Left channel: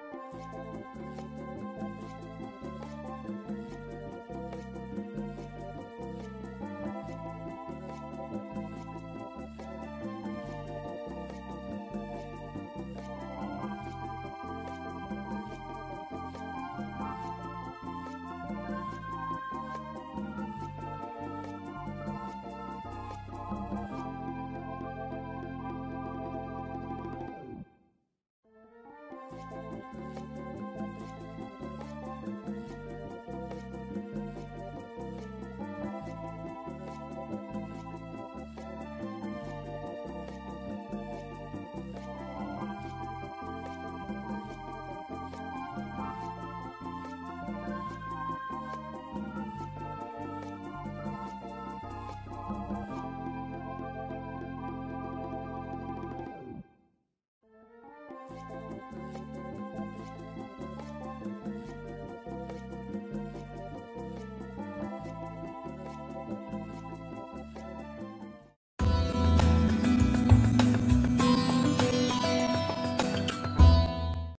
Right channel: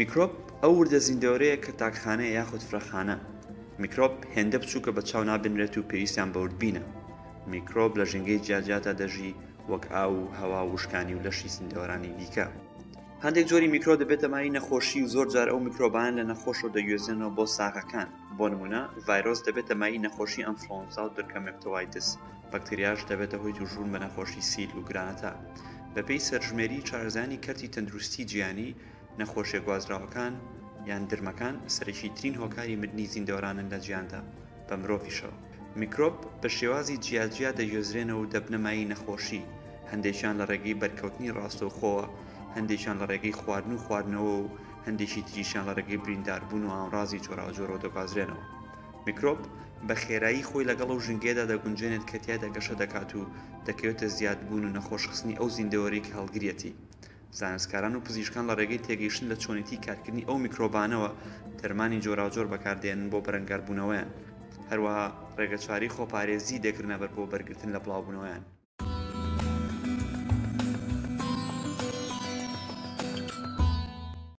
میکرۆب ئەو وردە زیندەوەرەیە کە تاکخانەیە یاخود فرەخانە. میکرۆب هێندە بچووکە بە چاو نابنرێت و پێویستیان بە وردبینە. میکرۆب لە ژینگەی جیاجیادا دەژی وەک ئاو و هەوا و وشکانی و لەشی زیندەوەرانی دیکە. هەندێک جۆری میکرۆ دەبێتە مای نەخۆشی و زۆر جار ئەو میکرۆبانە لە نەخۆشەوە دەگوێزێنەوە بۆ ساغەکان. بۆ نمونە ڤایرۆس دەبێتە مای نەخۆشی ئەنفلۆنزا و درکەمێکتۆڤایتس. بەکتریاش دەبێتە هۆی تووژبوون بە نەخۆشی سیل و گرانەتە. بەپێی سەرژمێری چارەزانی کەرتی تەندروستی جیهانی، نەخۆشیە گوازراوەکان یان درمەکان سەرەکی ترین هۆکاری مردنی زیندەوەرانن لە جیهاندا بە مرۆڤیشەوە. میکرۆب بە شێوازی جیاجیا دەگوێزرێنەوە و دەبنە مای نەخۆشی. هەندێکیان لە ڕێگەی بەرکەوتنی ڕاستەوخۆوە، هەندێکیان لە ڕێگەی خواردن و خواردنەوە و هەندێکی تریشیان لە ڕێگەی برینداربوون و ئامڕازی جۆراوجۆرەوە دەگوازرێنەوە. میکرۆب بە خێرایی خۆی لەگەڵ ئەو ژنگێدا دەگونجێنێت کە تیایدا گەشە دەکات و دەکەوێتە زیادبوون و نەخۆشخستنی ئەو زیندەوەرەی کە هەڵگرێتی. زانستکاران و پزیشکان لە ڕێگەی تێگەیشتن لە چۆنیتی کارکردنی ئەو میکرۆبانەوە دەرمانی جۆراوجۆر بەکاردێنن بۆ بەرەنگاربوونەوەیان. هەروەها ڕێگەچاری خۆپارێزی دەگرنە بەر بۆ بەرگرتن لە بڵاوبوونەوەیان.